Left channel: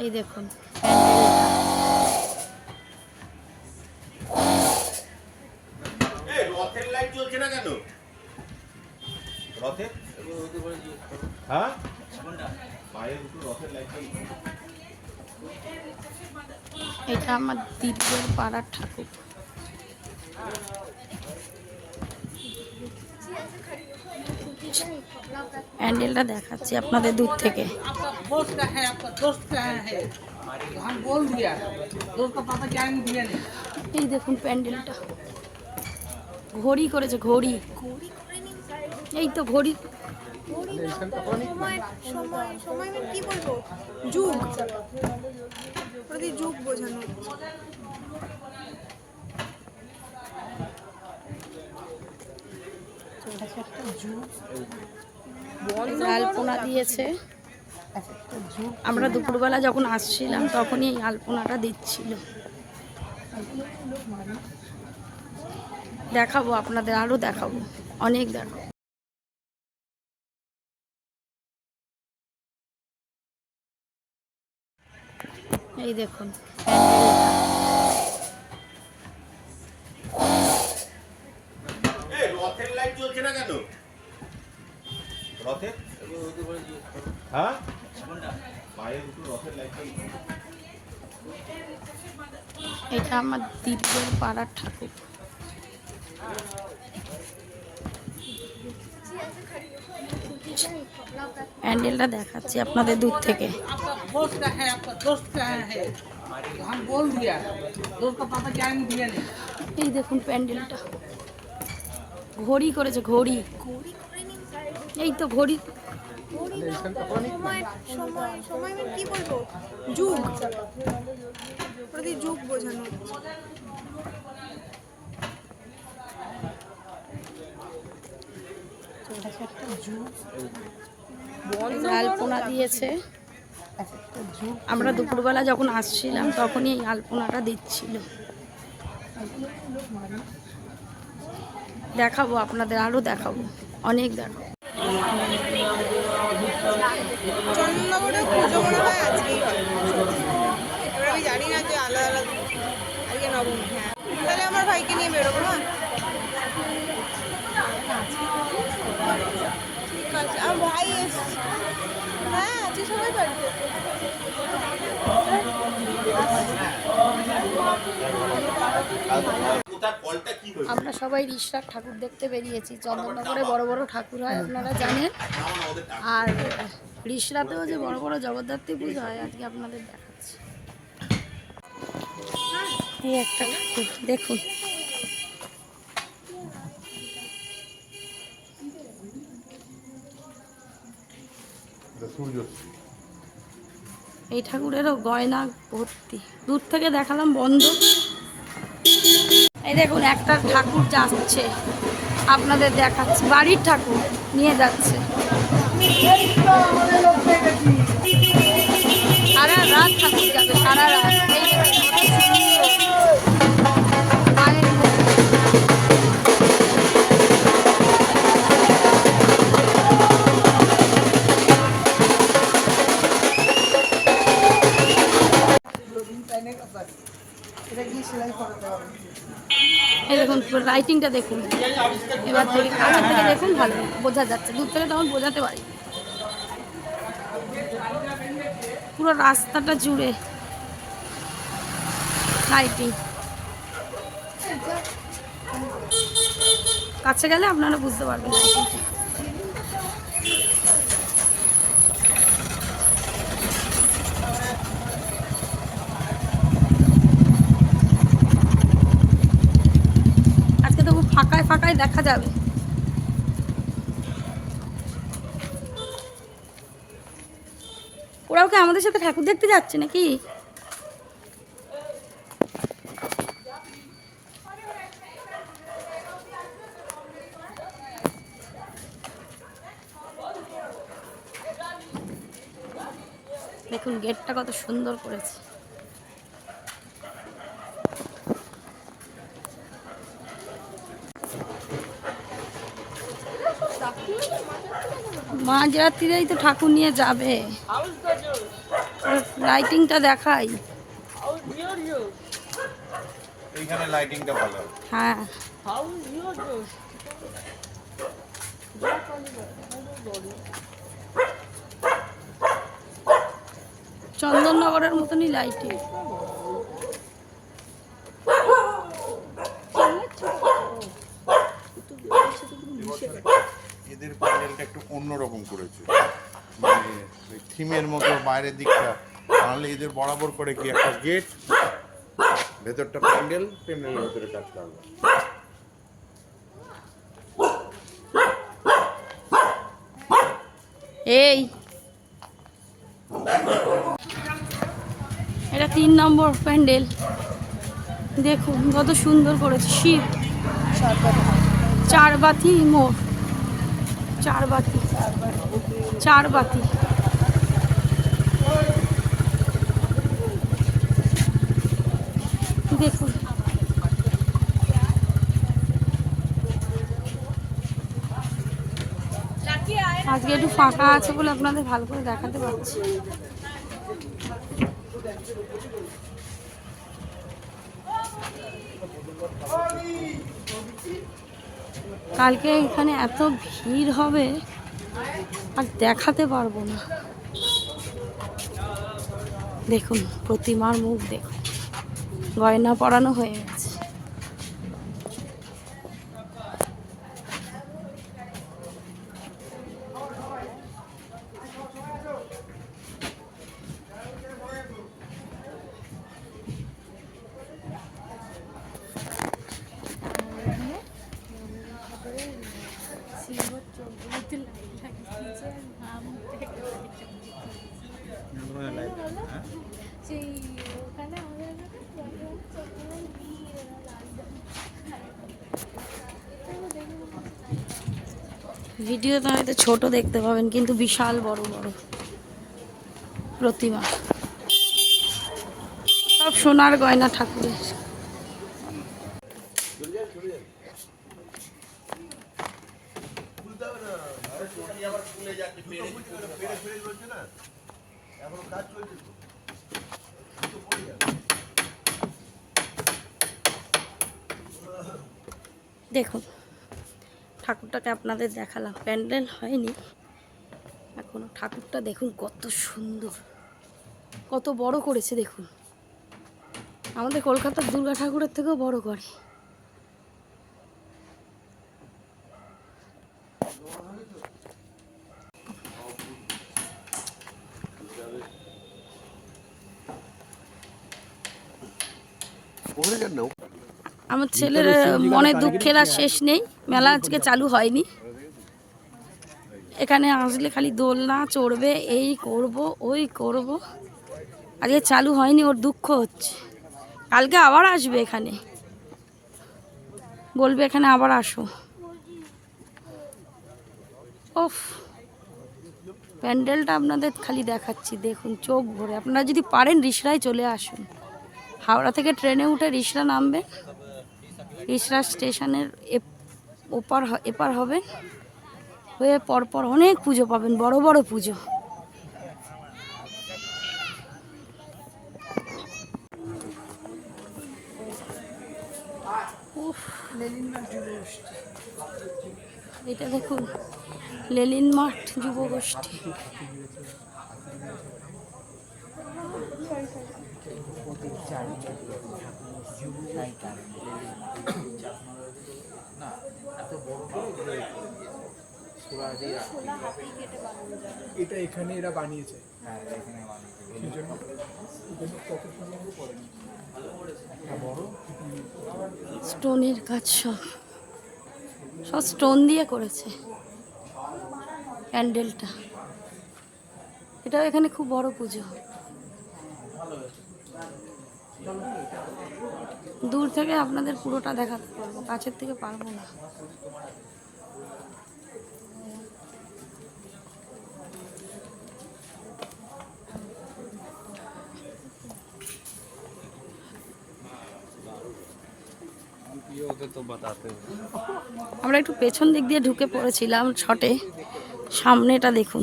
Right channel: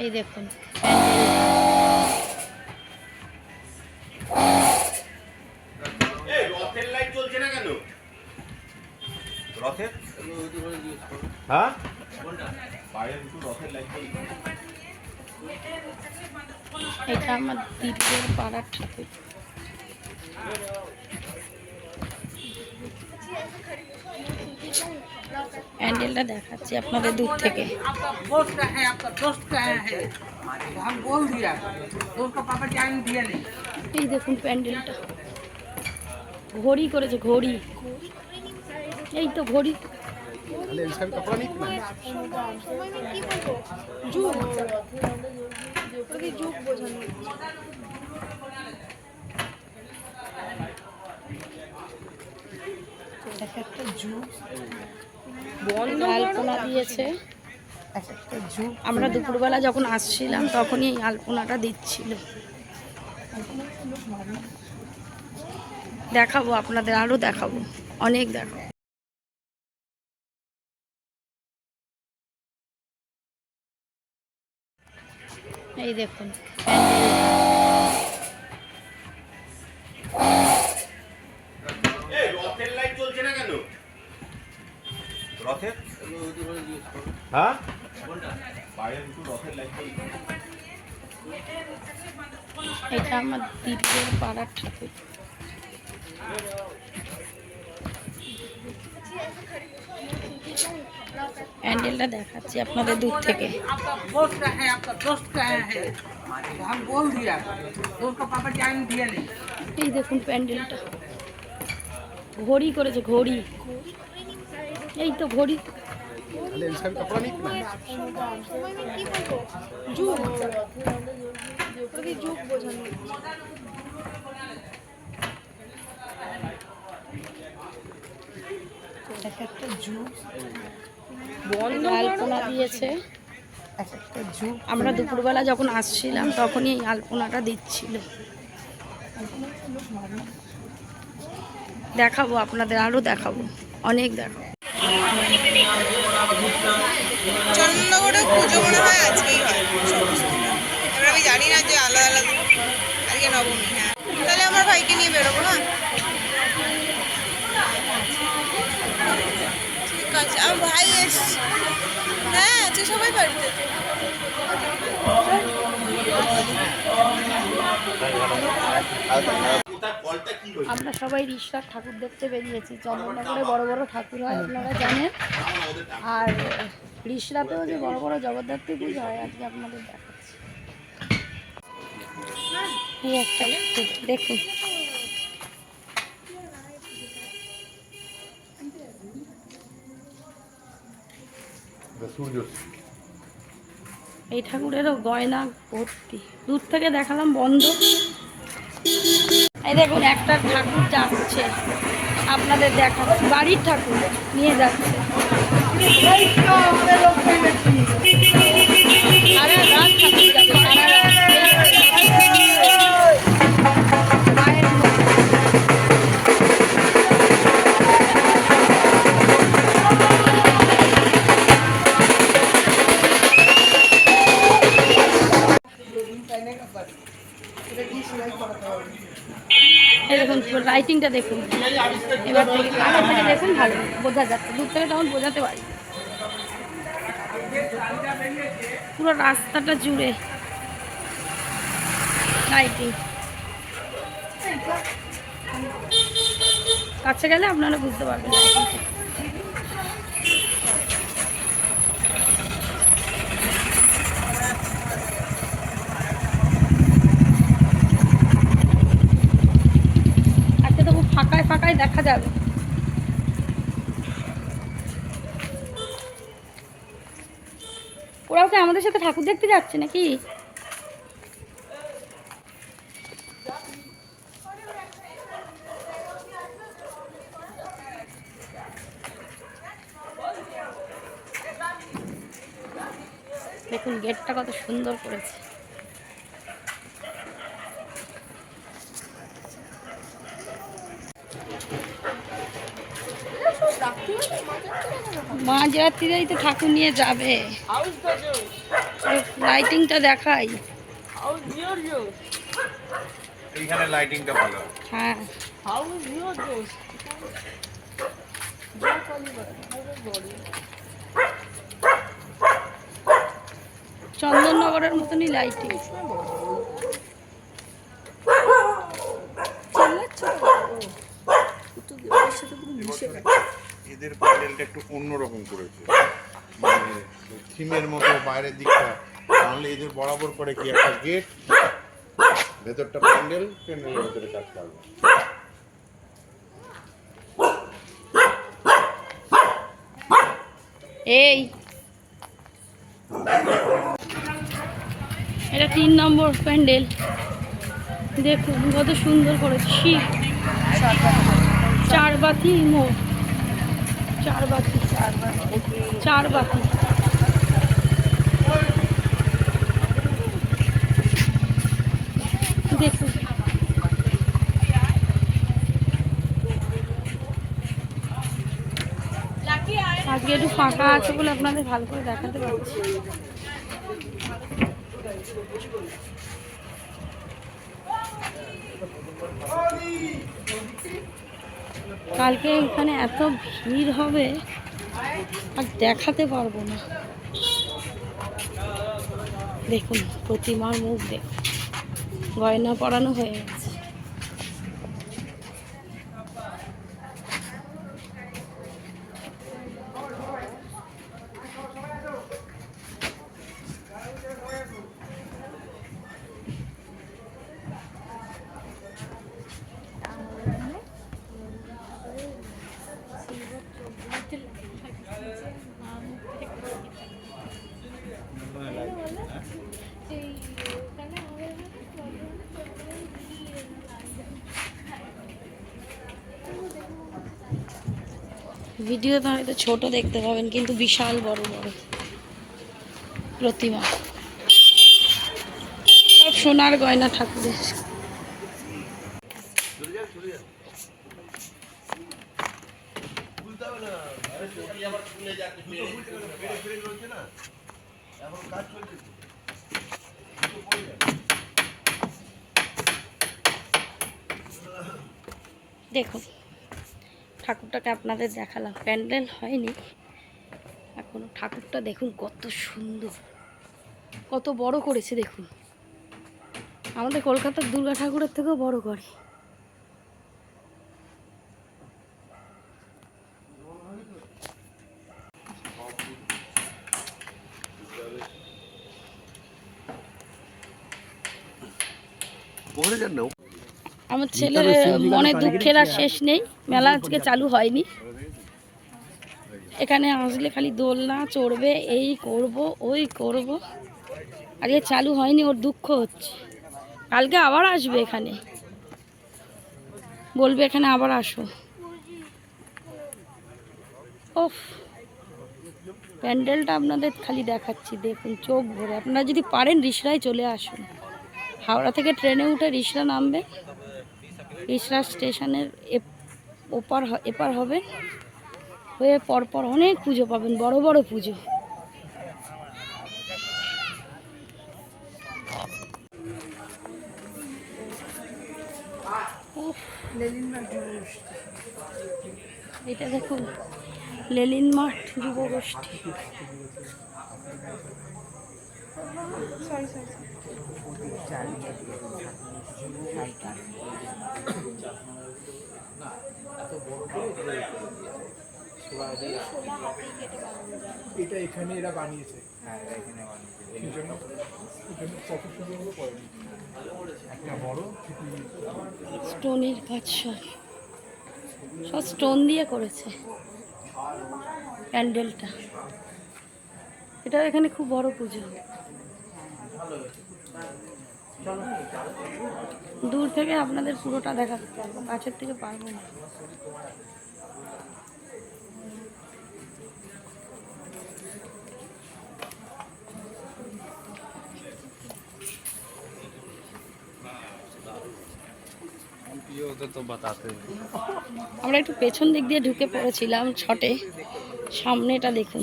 এই দেখুন রথের লাইট জ্বলছে না কেন? রথের হ্যাঁ বাইরে দুটো রথের লাইট জ্বলছে। এটা আমার দিদির পাড়ার ঠাকুর। প্যান্ডেলটা দেখাচ্ছি আপনাদের দূর থেকে। এই দেখুন প্যান্ডেলটা ঘড়ি করেছে, ঘড়ি। এই তো ঘড়ি। যুগ বোঝানো আলপনা দিয়েছে। আমরা দুপুরবেলা যখন আসছিলাম তখনই এই আলপনাটা দিচ্ছিল। দেখাবো আপনাদের, আরো দেখাবো, অনেক দেখাবো। এই দেখুন রথের লাইট জ্বলছে না কেন? রথের হ্যাঁ বাইরে দুটো রথের লাইট জ্বলছে। এটা আমার দিদির পাড়ার ঠাকুর। প্যান্ডেলটা দেখাচ্ছি আপনাদের দূর থেকে। এই দেখুন প্যান্ডেলটা ঘড়ি করেছে, ঘড়ি। এই তো ঘড়ি। যুগ যুগ বোঝানো আলপনা দিয়েছে। আমরা দুপুরবেলা যখন আসছিলাম তখনই এই আলপনাটা দিচ্ছিল। দেখাবো আপনাদের, আরো দেখাবো, অনেক দেখাবো। চন্দননগরে পুজো মনে হয় আজকেই হয় সমস্ত। এবার আমি জানি না যে আলাদা আলাদা আজকে নবমী। হ্যাঁ তাহলে আমার ভাইকে নিয়ে বেরোবো। হ্যাঁ ঠিক আছে, আমার ভাই এসছে। হ্যাঁ আছে, সবাই বাড়িতে। আমরা সবাই রিষড়ার ঠাকুর দেখতে বেরিয়েছি। চন্দননগরে বড় বড় ঠাকুর হয় আপনারা জানেন, আর রিষড়াতেও যে বড় বড় জগদ্ধাত্রী পুজো হয় আজকে আপনাদের দেখাচ্ছি। এই একটা ঠাকুর দেখুন, এই ঠাকুরেরও গয়না ভর্তি। দূর থেকে দেখালাম বন্ধ। এই দেখুন একটা ঠাকুর যাচ্ছে, আপনাদের দেখাচ্ছি। বাড়ির ঠাকুর নিয়ে যাচ্ছে। সারা রাত ঠাকুর যাবে, সারা রাত। মায়ের দেখুন রাইটিংটা দেখুন, এবার থেকে কাছের থেকে দেখুন, ভালো বোঝা যাচ্ছে। দূর থেকে তখন বোঝাতে পারি। পুরো রাস্তাটা জুড়ে লাইটিং। কাছে গেলে আপনারা বুঝতে পারবেন লাইটিংটা। ফাঁকায় ফাঁকায় দেখা যাবে। ওরাও কি আমাদের সাথে ঠাকুর দেখতে যাচ্ছে নাকি? দেখুন গেটটা কত সুন্দর করেছে। মাঝরাত্রিরেই তো ঠাকুর নিয়ে যাবে। লাইটিংটা দেখাই। এইখানে লাইটিংটা ভালো। হ্যাঁ, চন্দননগরের মতনই লাইটিং। এদের প্যান্ডেলটা একটু অন্যরকম করেছে, মানে থিমের মতো বাইরের দিকটা, নাহলে এদের বরাবর করে কি একটা গেট, ভেতরটা প্যান্ডেল, প্যান্ডেলের ভেতরে কাজ করবে। এই এটা 3 নম্বর প্যান্ডেল, দেখুন কত সুন্দর করেছে। শিব চারবাতি মোড়, চারবাতি দেখুন। আজকে একটু ফাঁকা আছে বলে আপনাদের ভালো করে দেখাতে পারছি। কালকে এখানে এত ভিড় হবে আর দেখাতে পারবো না। দেখুন প্রতিমার মুখ দেখুন, গয়না পরানো হয়ে গেছে। ভিডিওতে হয়তো ছোট দেখতে পাবেন, কিন্তু বিশাল বড় বড় প্রতিমা, সব সোনার গয়না ঠাকুরের। দেখুন ঠাকুরটাকে আপনাদের দেখালাম, প্যান্ডেল হয়নি এখনো। ঠাকুরটা দেখুন কত সুন্দর, কত বড় করেছে দেখুন। আমাদের কলকাতার দুর্গা ঠাকুরের থেকেও বড় করে। আমার ছেলের মনে দুঃখের আর শেষ নেই, মেলা আজকে চালু হয়নি। এখানে আসলে খালি দোলনা চড়বে, এই করব ওই করব, আজকে চালু হয়নি, ওর দুঃখ হচ্ছে। কালকে আবার আসবে এখানে, বলবে এখানে আবার আসো। ওফ, প্যান্ডেলটা আপনাদের খালি দেখাচ্ছি, দেখুন চোখ ভরে। আপনারা যদি পারেন রিসরায় চলে আসুন, হাওড়া থেকে ট্রেনে উঠে রিসরা নামবে, রিসরা স্টেশনের এপার হবে, হয়ে পরপর অনেক পুজো পাবেন, বড় বড় পুজো। এটা দেখুন লেলিন মাঠ যুবগোষ্ঠী। এটা এখানে এরা বানিয়েছে, স্টোনের কাজ, সব স্টোন দিয়ে করেছে প্যান্ডেলটা। এটা এখানে খুব বড় পুজো। দূর থেকে আপনাদের পুরোটা দেখাতে পারবো, কাছের থেকে পারবো না। আমরা একটু পেছন দিক দিয়ে ঢুকে পড়েছিলাম শটে, সামনেটা দেখুন।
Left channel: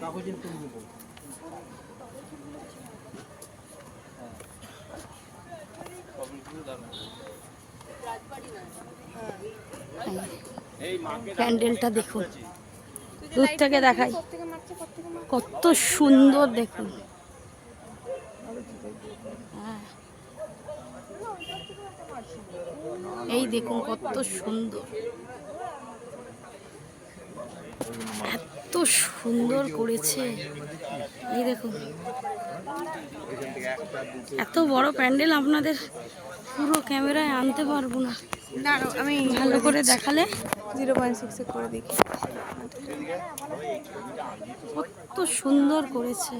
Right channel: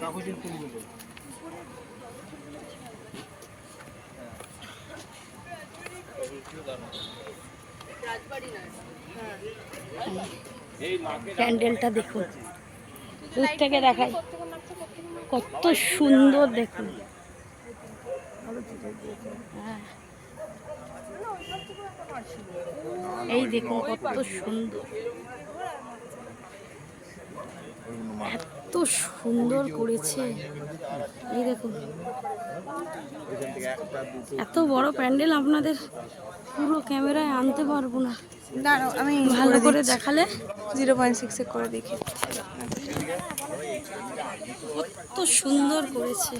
কাগজের ফুলগুলো। প্যান্ডেলটা দেখুন, দূর থেকে দেখাই কত সুন্দর দেখুন। হ্যাঁ, এই দেখুন কত সুন্দর, এত সুন্দর করেছে। এই দেখুন এত বড় প্যান্ডেল আপনাদের পুরো ক্যামেরায় আনতে পারবো না, আমি ভালো করে দেখালে। 0.6 করে দেখি। কত সুন্দর করেছে।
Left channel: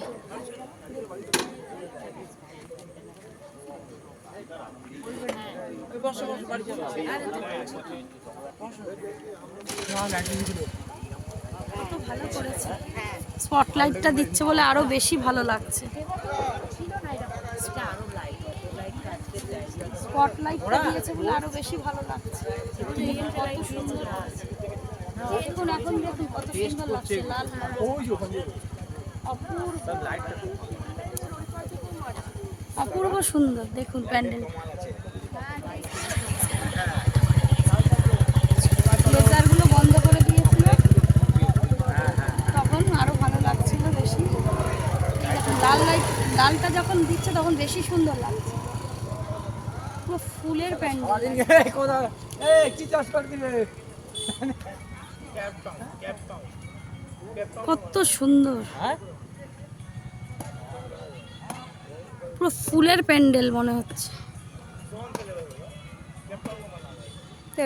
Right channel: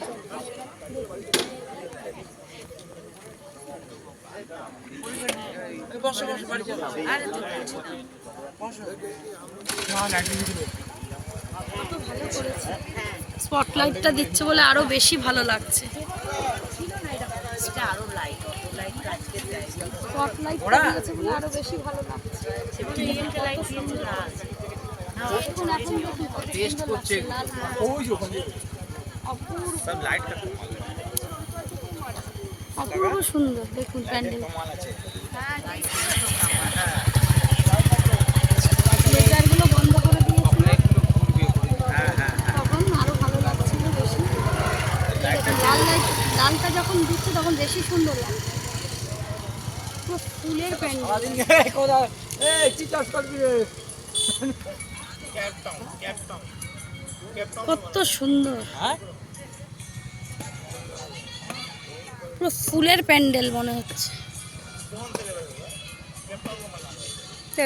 কত ভালো করেছে, স্পটলাইটটা দিচ্ছে বলে আরো বেশি ভালো লাগছে। স্পটলাইটটা দিয়েছে বলে আরো বেশি ভালো লাগছে। কত সুন্দর লাগছে। দেখুন এখন দেখুন কত সুন্দর লাগছে, লাল লাল। অপূর্ব অপূর্ব সুন্দর দেখুন প্যান্ডেল। লেজারগুলো বন্ধ করে দিয়েছিল, তখন আরো ভালো লাগছিল বেশি। লাল লাইট, লালটা যখন দিচ্ছে তখন বেশি সুন্দর লাগছে। পুরো ফুলের প্যান্ডেল, কত সুন্দর, পুরো ফুলের প্যান্ডেল মনে হচ্ছে।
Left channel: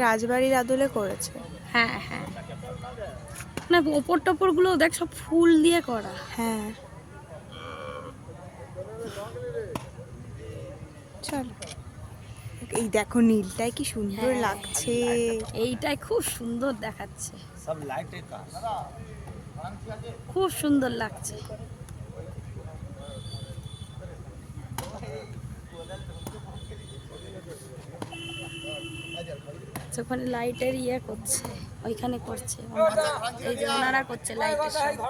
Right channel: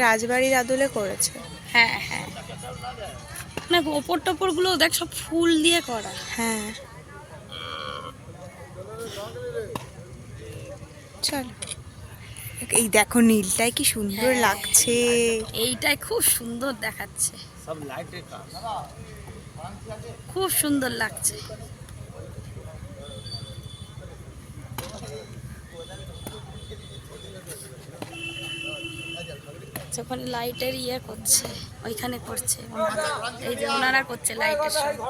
রাজবাড়ির আদলে করেছে। হ্যাঁ হ্যাঁ, না ওপর টপর গুলো দেখ সব ফুল দিয়ে করা। হ্যাঁ চলো, এই দেখো নীলটাই কি সুন্দর লাগছে। এইটাই খুব সুন্দর দেখাচ্ছে, খুব সুন্দর লাগছে। ওখানে লাইটের ইয়ে করছে, ওইখানে করছে ওনারা, এই যে ওনারা করছে লাইটের সামনে।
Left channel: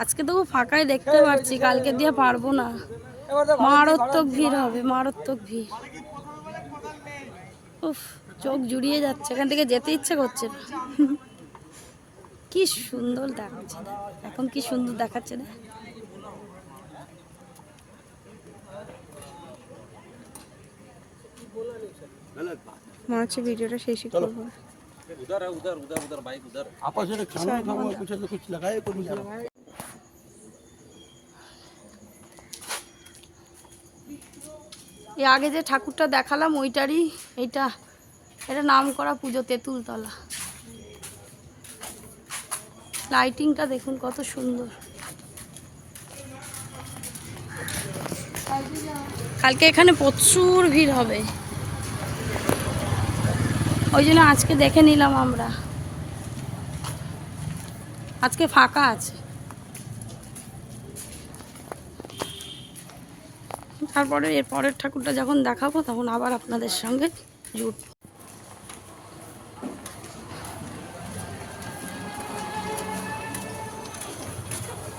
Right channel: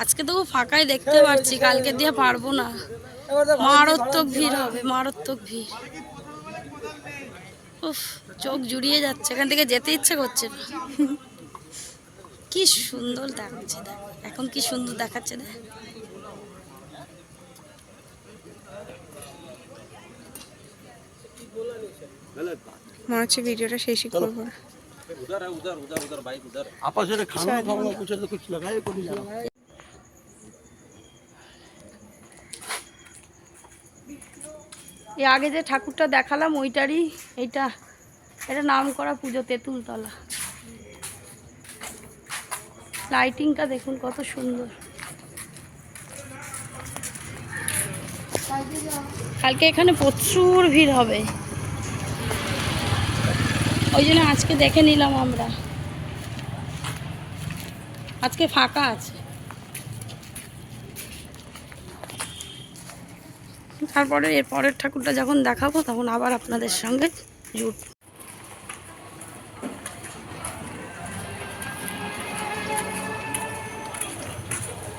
আজকে তো ফাঁকাই দেখতে পাচ্ছি, কালকে দিয়ে পারবো না, মারাত্মক ভিড় হবে, মারাত্মক ভিড়। উফ, চোখ জুড়িয়ে যাচ্ছে, এখান থেকে যেতে ইচ্ছে করছে না। কি সুন্দর দেখাচ্ছে, দেখ এখন কি সুন্দর দেখাচ্ছে। দেখ মনে হচ্ছে ভিডিওটা শেষই করবো না। এর আগে যে ঠাকুরটা দেখালাম ওইটারই এটা, এটা নাম করা পুজো, তেঁতুলতলা। লাইটিংটা দেখুন কত সুন্দর। কালকে এখানে প্রচুর ভিড় হবে, ওই জন্য আজকে দেখে নিলাম আমরা, আজকে ফাঁকা আছে। তারপরে এর পরের ঠাকুরটা যখন দেখাবো তখন আবার আপনাদের সঙ্গে জুট।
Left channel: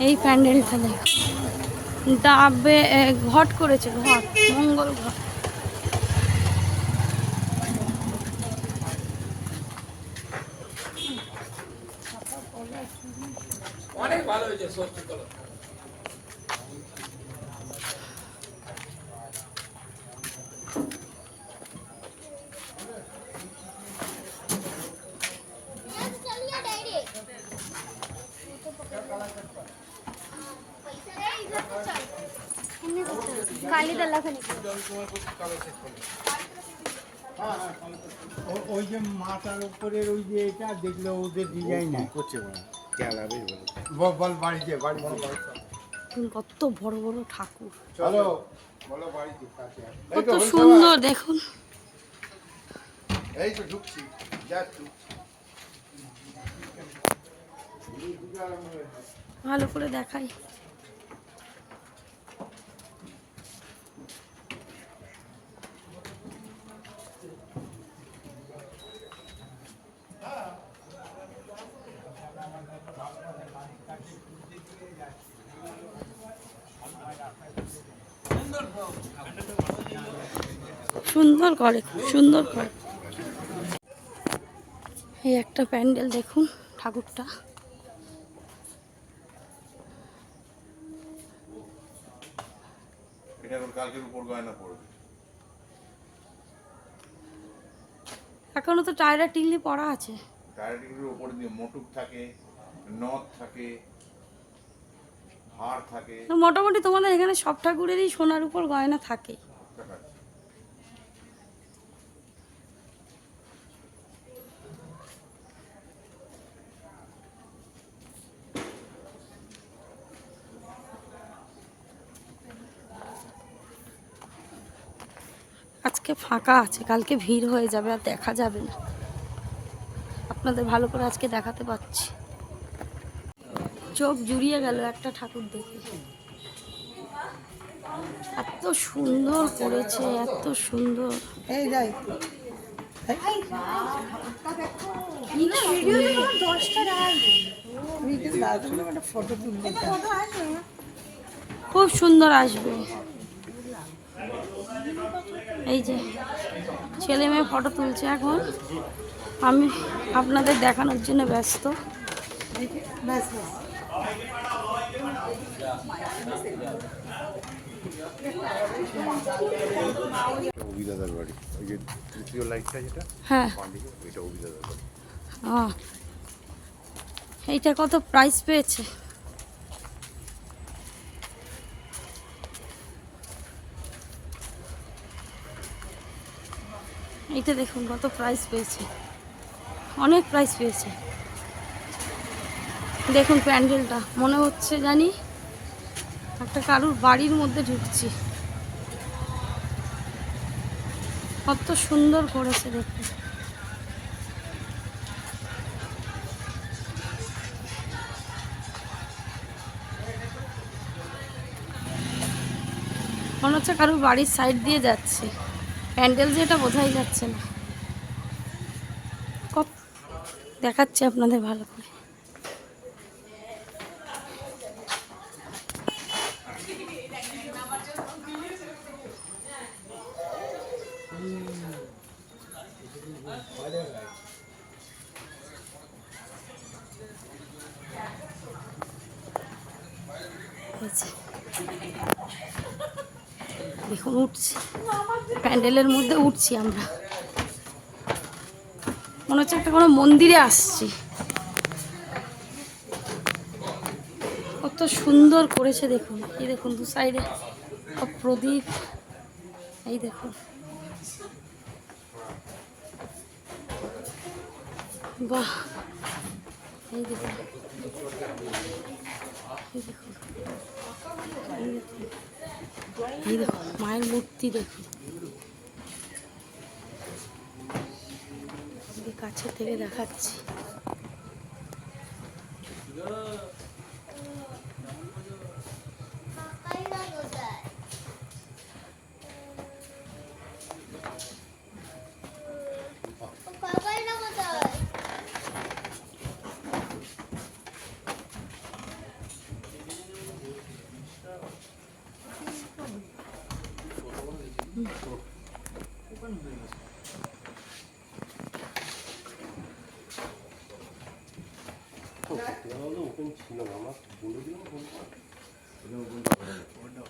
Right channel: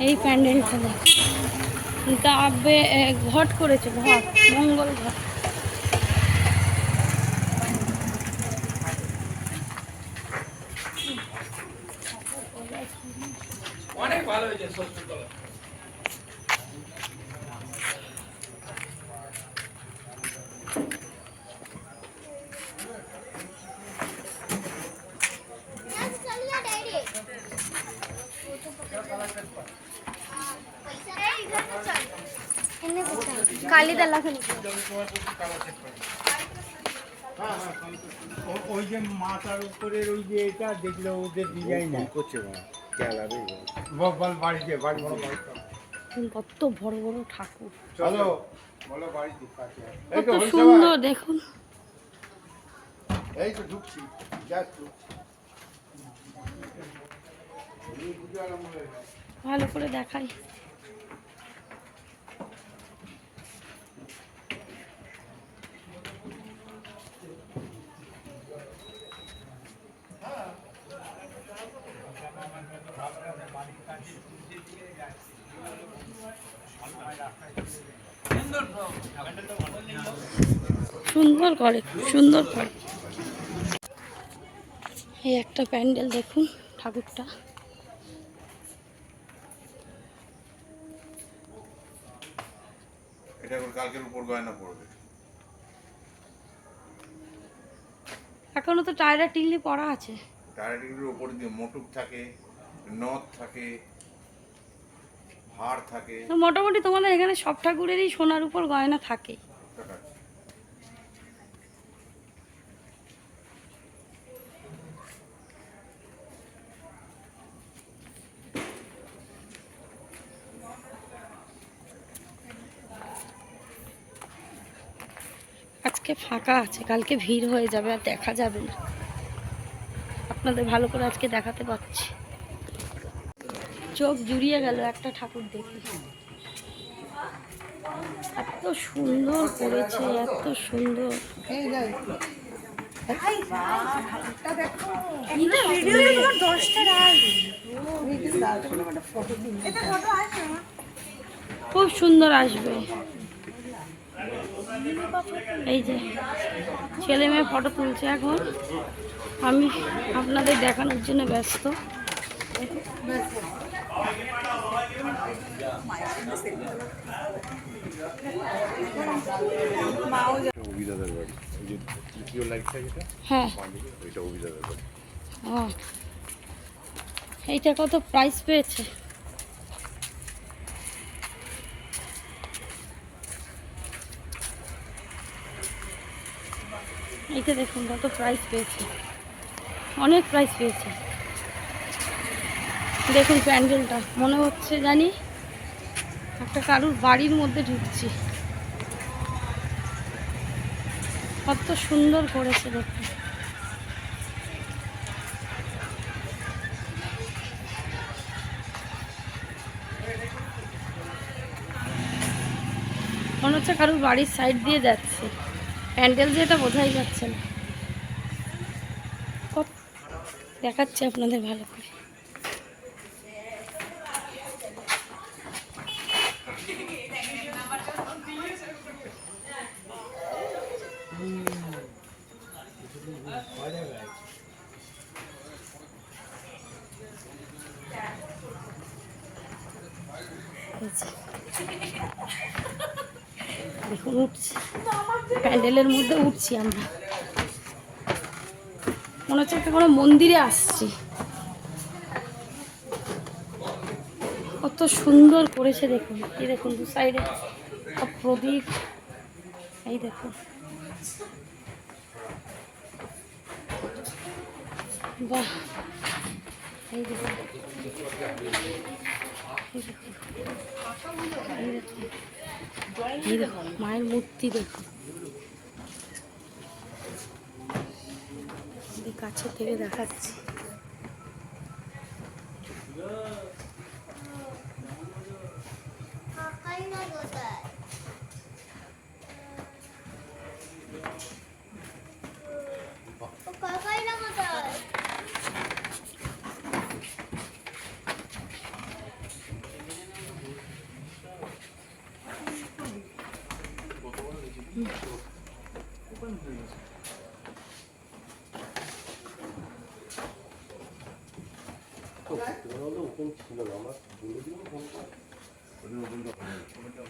এই প্যান্ডেলটা দেখ, ডাবে ঘট করেছে, ঘট, মঙ্গল ঘট। অনেক ভালো হয়েছে সত্যি। ওই যে মাথার উপরের ওই যে এটা দেখলে ওদের ডিজাইন করছে না খেয়াল বল বাড়িতে বাড়ি কত বড় বড় ঠাকুর, চলো বলো বাড়িতে কত সুন্দর দেখুন। এই তো ঢুকছি, যাচ্ছি। ভালো করে দেখাই। সুন্দর করে, খুব সুন্দর করে। এই একটা প্যান্ডেল দেখুন, ঠাকুরটা এটা এখন কালকের উপর গয়না পড়বে। এখনো তো টায়রা টিংলি পড়া আছে। টায়ারটিগুলোর উপর দিয়ে মোটুক থাকে, নথ থাকে, হাড় থাকে। তো মোটামুটি তোমাদের এখানে সব ঠাকুরেরই সোনার উপর গয়না থাকে। আজকে ফাঁকা আছে, কালকে ভিড় হয়ে যাবে, আর দেখা যাবে না। আপনাদের ভালো করে আজকে দেখাতে পাচ্ছি। চোখ জুড়িয়ে গেল একটা ঠাকুর দেখে। এত সুন্দর করেছে, এত সুন্দর। খুব সুন্দর আসবে। এই যে ছেলে মেয়ে ফটো তুলছে, এখন আমি আপনাদের দেখানোর জন্য ব্যস্ত। অভিদাদার বাড়ি, ওই যে তৃতীয় লাইটটা যেটা, হ্যাঁ, ওইটা অভিদাদার বাড়ি। এইটা কত প্রাইস পেয়েছে? এইটা দেখুন কত প্রাইস পেয়েছে, অনেক প্রাইস পেয়েছে। দেখুন প্যান্ডেলটা, মনে হচ্ছে জানি একটা কারুর বাড়ির মধ্যে ঢুকছি। কত সুন্দর করেছে দেখুন। মনে হচ্ছে কারুর বাড়ির সাইড দিয়ে যাচ্ছে, প্যান্ডেল যে এটা বোঝাই যাচ্ছে না। দেখাচ্ছি আপনাদের ভালো করে। দেখুন উঠছি, প্যান্ডেলের মধ্যে উঠছি আমরা, মনে হচ্ছে একটা কোনো মন্দিরে আসছি। কত সুন্দর করেছে দেখুন। এই দেখুন দু সাইডে সব প্রদীপ, এই দেখুন বাহ, এই দেখুন, এই দেখুন, এই দেখুন, এই দেখুন মায়ের মূর্তি দেখুন, কাছে থেকে দেখাচ্ছি।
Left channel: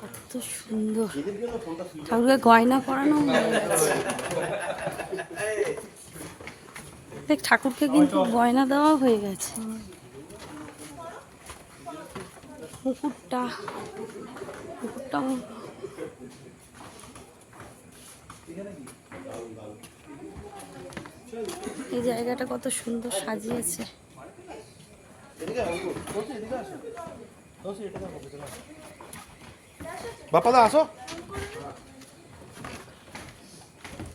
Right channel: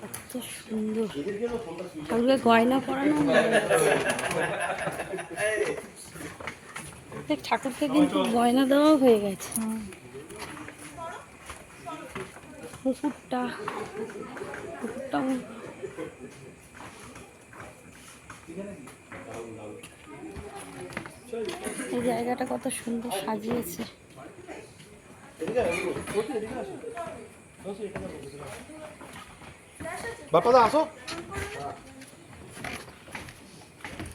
কত সুন্দর ঠাকুরের গয়না পরানো হয়ে গেছে। দেখ ঠাকুরকে কিন্তু গয়না দেওয়া হয়ে গেছে। মুকুটটা এই জায়গাটা কত সুন্দর সাজিয়েছে। বাপাদা আসো।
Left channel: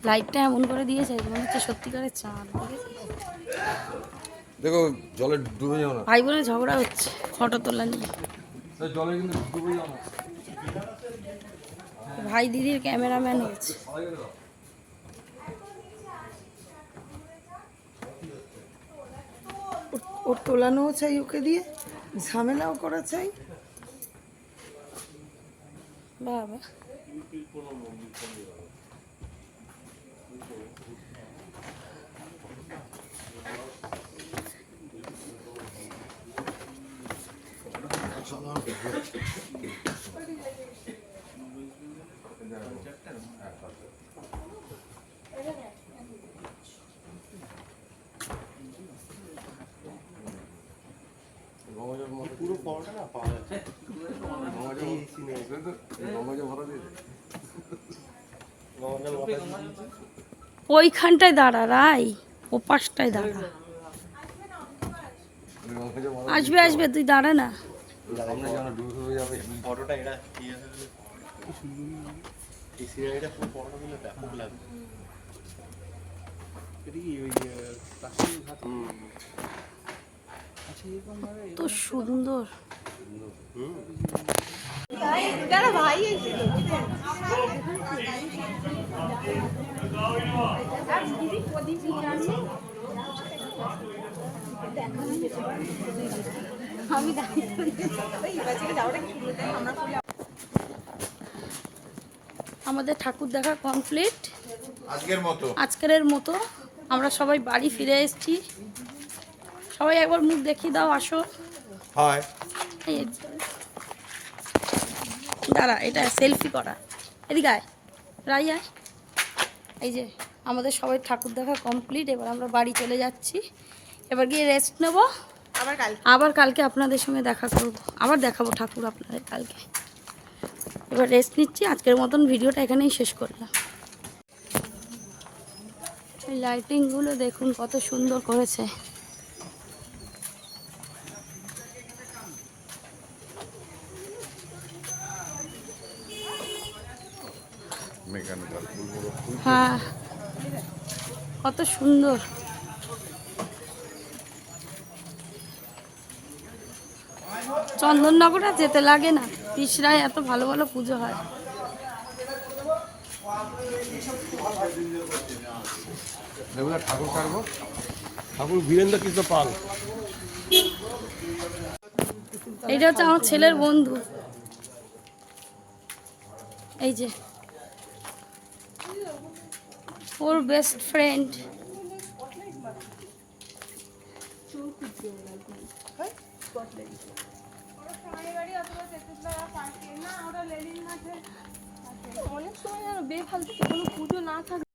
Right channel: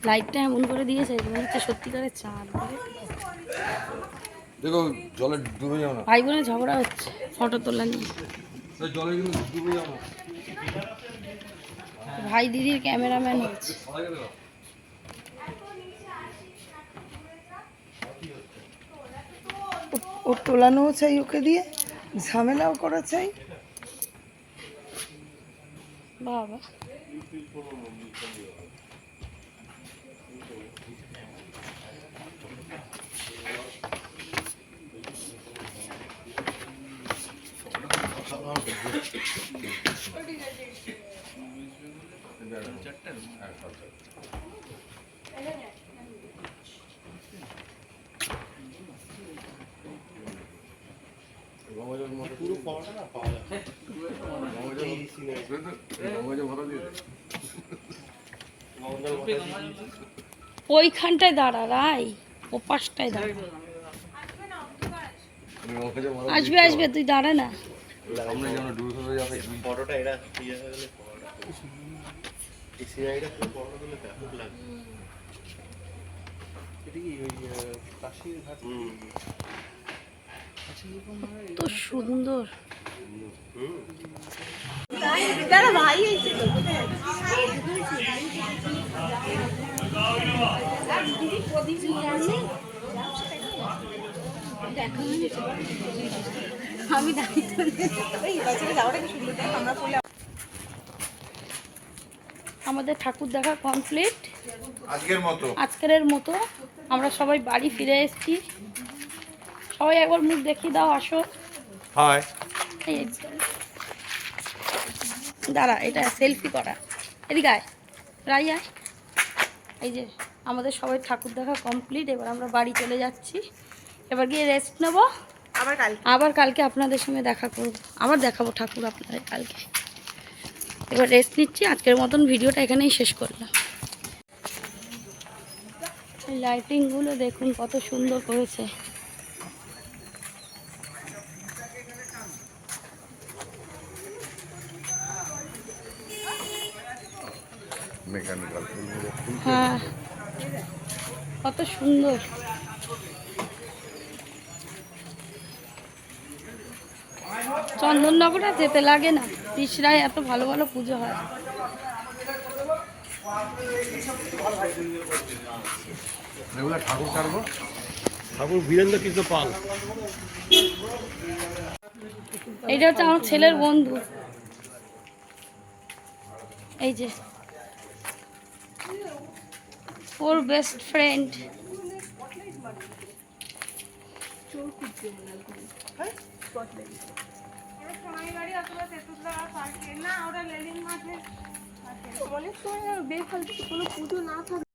লাইটটা এমন করে দিয়েছে মনে হচ্ছে সত্যিকারের চাঁদ। দেখো জলে ডুবে যাও না, ভাই বোনের ঝগড়া হচ্ছে ফটো তোলা নিয়ে। জলে কিন্তু ডুবে যাও না। ভাই দিদির ক্যামেরাম্যান হচ্ছে। ও তোলানো চাই, ওকে দিয়ে ঝামেলাও করা চাই। বাবা ওইখানটায় দাঁড়া রাই, ওপাশটায় দাঁড়া। আসবে আসবে, তুই দাঁড়া না। সামনে যেন ডুবে চলে যাবে। ফটোটা এরা ইয়ে হয়ে গেলে এই সিআইটা খুব বড় হলে ব্যাপক লাগবে। এটা কি ওই প্লাস্টিক ভাত? কত সুন্দর। আমাদের ঠাকুর দেখা কমপ্লিট আজকের মতো। আমরা সবাই বাড়ি ফিরে এসেছি। সবাই একবার মুখ দেখিয়ে দাও, আসো। হাই। এই যে। দাঁড়া, এটা সেলফি করা। এদিকে আয়, রাই আয়। এই যে আমাদের সবাই ঠাকুর দেখা কমপ্লিট। এবার আমরা বাড়ি চলে যাচ্ছি। এবার গিয়ে রেস্ট নেব। আবার কালকে আপনাদের সঙ্গে দেখা করব, আবার দেখাবো ঠাকুর আপনাদের কালকে। এবার রেস্ট নিচ্ছি। আজকের মতন ভিডিওটা এখানেই শেষ করলাম। এই লাইটিংগুলো দেখুন কত সুন্দর করেছে। হ্যাঁ, কত সুন্দর। চন্দননগর আর যেতে লাগে না, পিসরায় এত ভালো ভালো পুজো হয়। ঠাকুর কাটবো, ঠাকুর বীরেন্দ্র কৃষ্ণ পাল। এইটা হচ্ছে আমার ছেলের বন্ধু। এই যে ওর বেস্ট ফ্রেন্ড। অনেক সময় বেফালতু কোনো পুজো না থাকে।